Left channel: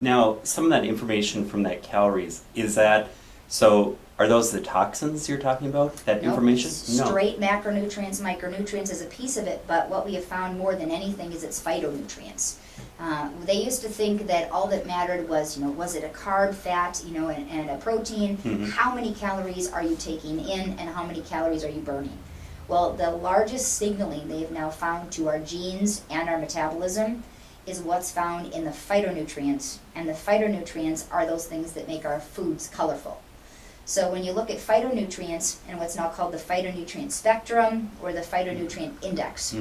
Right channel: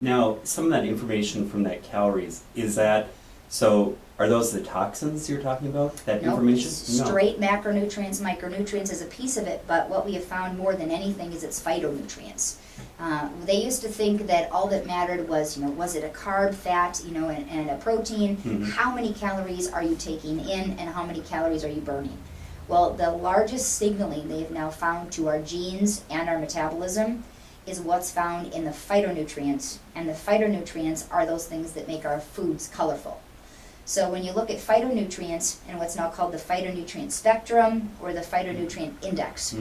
Now, some of that information from that calories, are those the toxins you're talking about, that Nope, information? straight macronutrients, micronutrients is a piece of it, but what we have found more than anything is it's phytonutrients. They used to think that all that mattered was, was it a carb, fat, and a protein? How many calories are you taking in and how many calories are you burning? Well, the largest signaling they have now found to our genes and our metabolism is what's found in the phytonutrients, and the phytonutrients are those things that make our foods colorful. So when you look at phytonutrients and what's now called the phytonutrient spectrum or the phytonutrient index,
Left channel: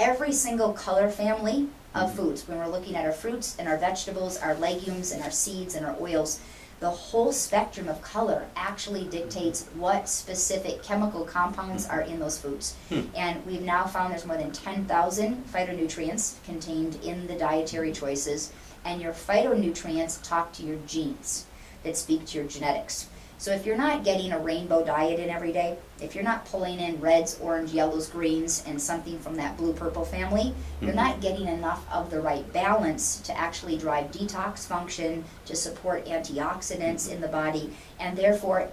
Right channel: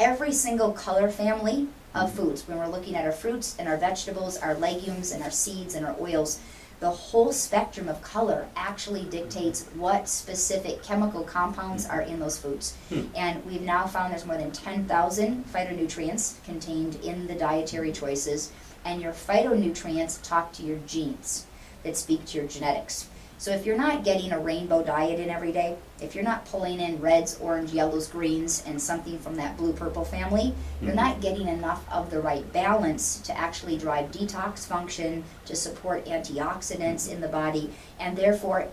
every single color family of foods, when we're looking at our fruits and our vegetables, our legumes and our seeds and our oils, the whole spectrum of color actually dictates what specific chemical compounds are in those foods. And we've now found there's more than 10,000 phytonutrients contained in the dietary choices, and your phytonutrients talk to your genes that speak to your genetics. So if you're not getting a rainbow diet in every day, if you're not pulling in reds, orange, yellows, greens, and something from that blue-purple family, you're not getting enough of the right balance to actually drive detox function, to support antioxidants in the body, and therefore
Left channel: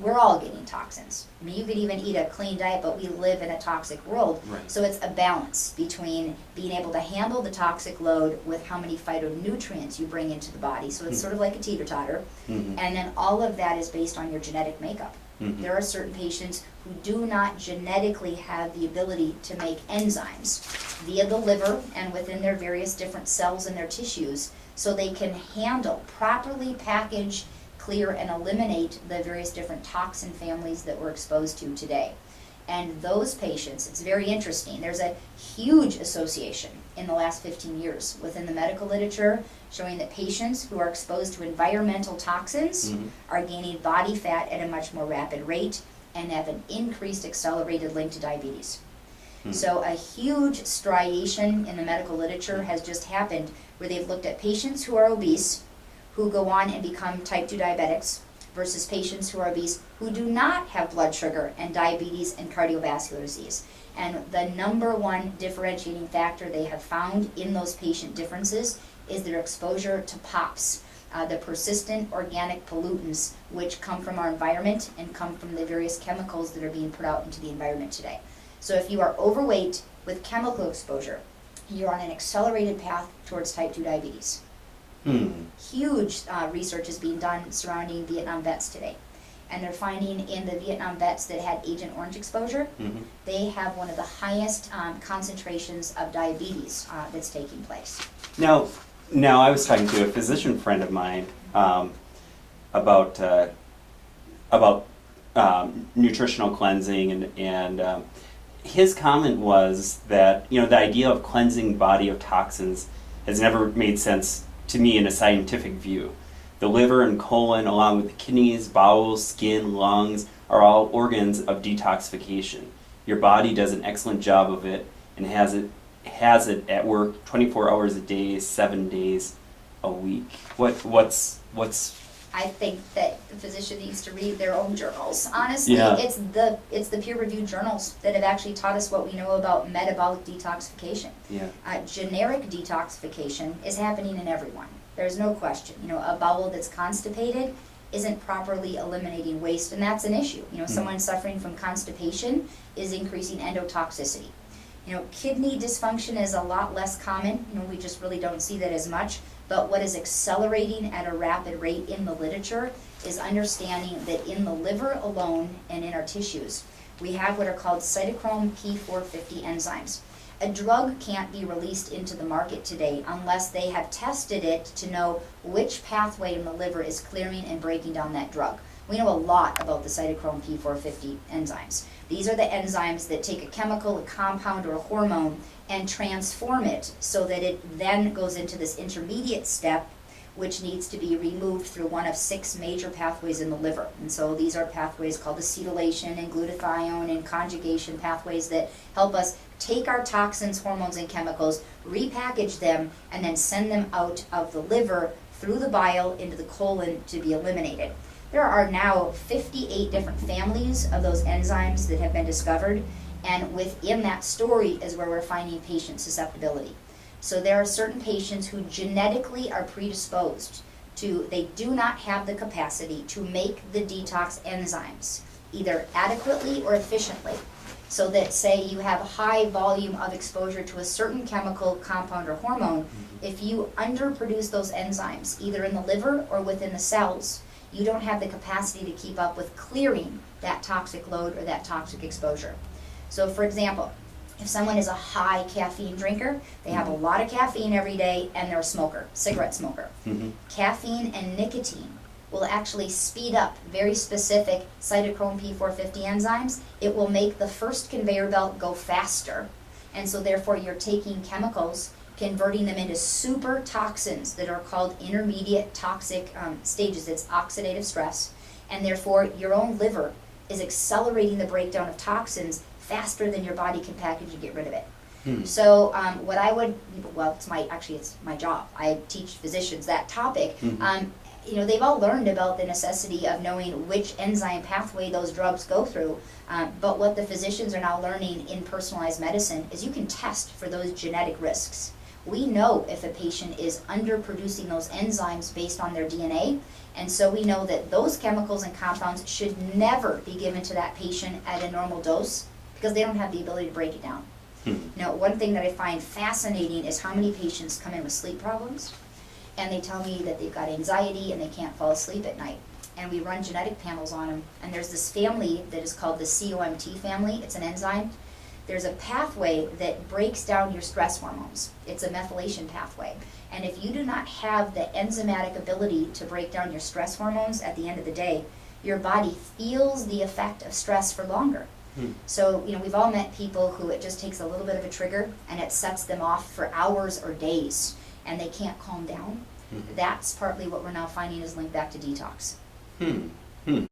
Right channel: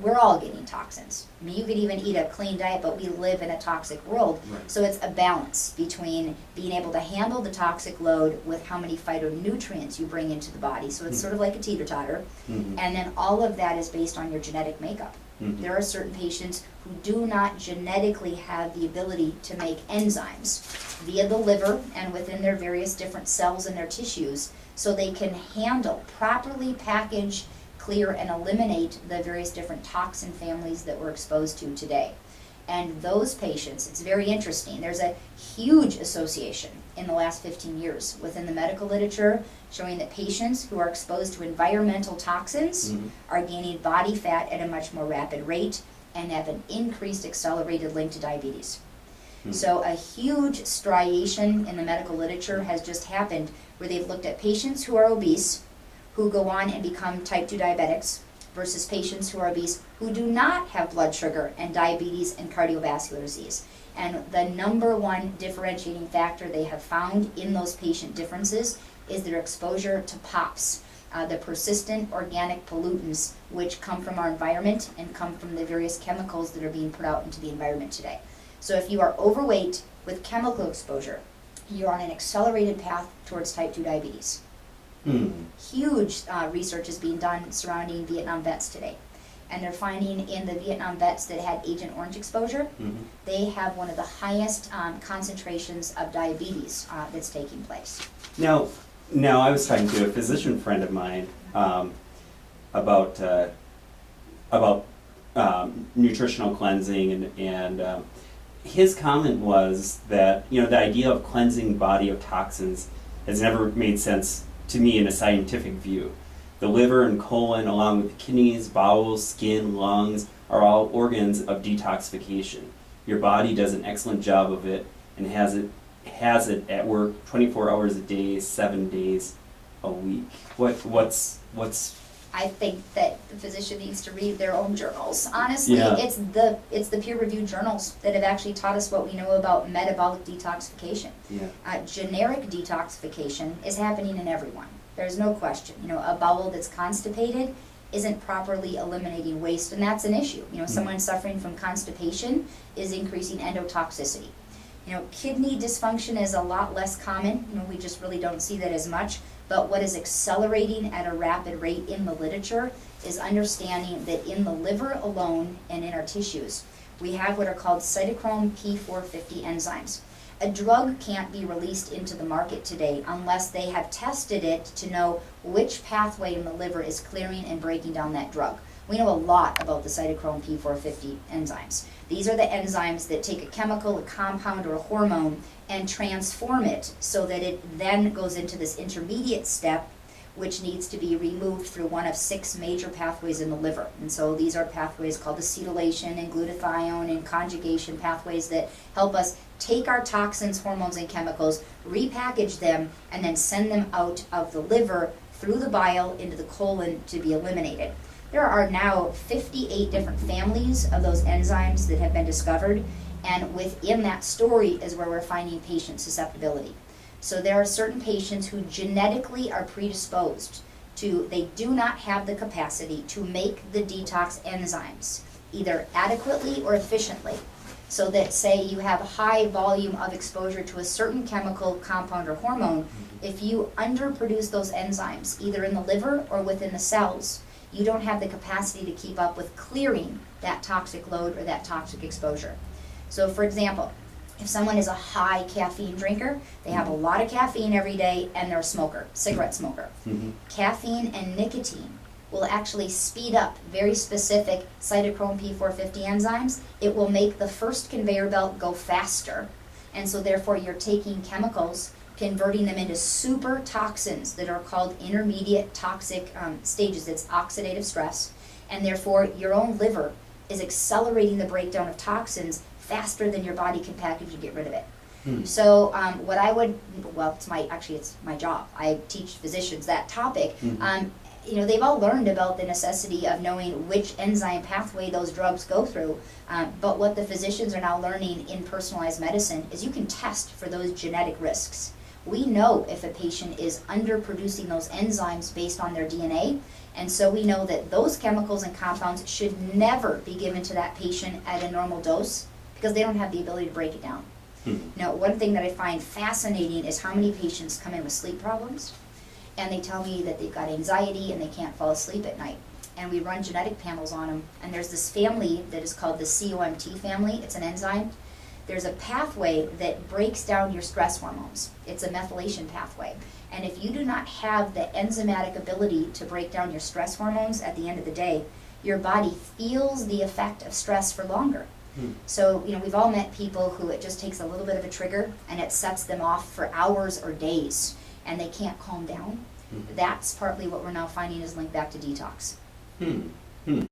we're all getting toxins. I mean, you could even eat a clean diet, but we live in a toxic world. Right. So it's a balance between being able to handle the toxic load with how many phytonutrients you bring into the body. So it's sort of like a teeter-totter. And then all of that is based on your genetic makeup. There are certain patients who do not genetically have the ability to make enzymes via the liver and within their various different cells in their tissues, so they can handle, properly package, clear, and eliminate the various different toxin families that we're exposed to today. And those patients, it's very interesting, there's a huge association in the last 15 years within the medical literature showing that patients who are exposed to environmental toxins are gaining body fat at a much more rapid rate and have an increased accelerated link to diabetes. So a huge striation in the medical literature has just happened where they've looked at patients who are obese, who go on and become type 2 diabetics, versus patients who are obese who do not have blood sugar and diabetes and cardiovascular disease. And the number one differentiating factor they have found in those patient differences is their exposure to POPs, the persistent organic pollutants, which come from our environment and come from the various chemicals that are being put out into the environment today. So if you are overweight with chemical exposure, you're on an accelerated path towards type 2 diabetes. Huge research is being done surrounding Vietnam vets today. And they're finding in the Vietnam vets that had Agent Orange exposure, they have one of the highest concentrations of diabetes that's taking place. Now, I was talking to a physician friend of mine about nutritional cleansing, and his comment was that the idea of cleansing body of toxins has never made sense to me in a scientific view. The liver and colon, along with the kidneys, bowels, skin, lungs, are all organs of detoxification. Your body does an excellent job of it and has it at work 24 hours a day, 7 days a week. What's I think that the physician needs to read their own journals. Honestly, Yeah. it's the peer-reviewed journals that have actually taught us what we know about metabolic detoxification. Generic detoxification is happening in everyone. There's no question. A bowel that's constipated isn't properly eliminating waste, and that's an issue. Someone suffering from constipation is increasing endotoxicity. Kidney dysfunction is a lot less common. We just really don't see that as much. But what is accelerating at a rapid rate in the literature is understanding that in the liver alone and in our tissues, we have what are called cytochrome P450 enzymes. A drug can't be released into the market today unless they have tested it to know which pathway in the liver is clearing and breaking down that drug. We know a lot about the cytochrome P450 enzymes. These are the enzymes that take a chemical, a compound, or a hormone and transform it so that it then goes into this intermediate step, which needs to be removed through one of 6 major pathways in the liver. And so these are pathways called acetylation and glutathione and conjugation pathways that help us take our toxins, hormones, and chemicals, repackage them, and then send them out of the liver through the bile into the colon to be eliminated. There are now 58 different families of those enzymes that have been discovered, and within that story is where we're finding patient susceptibility. So there are certain patients who genetically are predisposed to, they do not have the capacity to make the detox enzymes, either adequately or efficiently. So that, say you have a high volume of exposure to a certain chemical, compound, or hormone, if you underproduce those enzymes, either in the liver or within the cells, you don't have the capacity to keep up with clearing that toxic load or that toxic exposure. So for example, if someone is a high caffeine drinker, they have a lot of caffeine every day, and they're a smoker, cigarette smoker. Caffeine and nicotine will actually speed up very specific cytochrome P450 enzymes. It will make the first conveyor belt go faster, and so therefore you're taking chemicals, converting them into super toxins that are called intermediate toxic stages. It's oxidative stress, and therefore your own liver is accelerating the breakdown of toxins faster than your body can package and get rid of it. So what I would, well, it's my job. I teach physicians that topic. You know, they've all learned about the necessity of knowing which enzyme pathway those drugs go through, but what the physicians are now learning in personalized medicine is you can test for those genetic risks. We know if a patient is underproducing those enzymes based on their DNA, and so we know that those chemicals and compounds should never be given to that patient at a normal dose because they don't have the ability to break it down. Now, one thing that I find fascinating is how many patients come in with sleep problems, and they tell me that they've got anxiety and they can't fall asleep at night. And we run genetic panels on them, and there's this family that is called the COMT family. It's an enzyme. There's a pathway that breaks down your stress hormones. It's a methylation pathway. And if you do not have the enzymatic ability to break down your stress hormones at the end of the day, your body feels the effect of stress for longer. So, you know, we've all met people who it just takes a little bit of a trigger and it sets them off for hours or days and they can't calm down. That's partly what we're now finding is linked back to detox.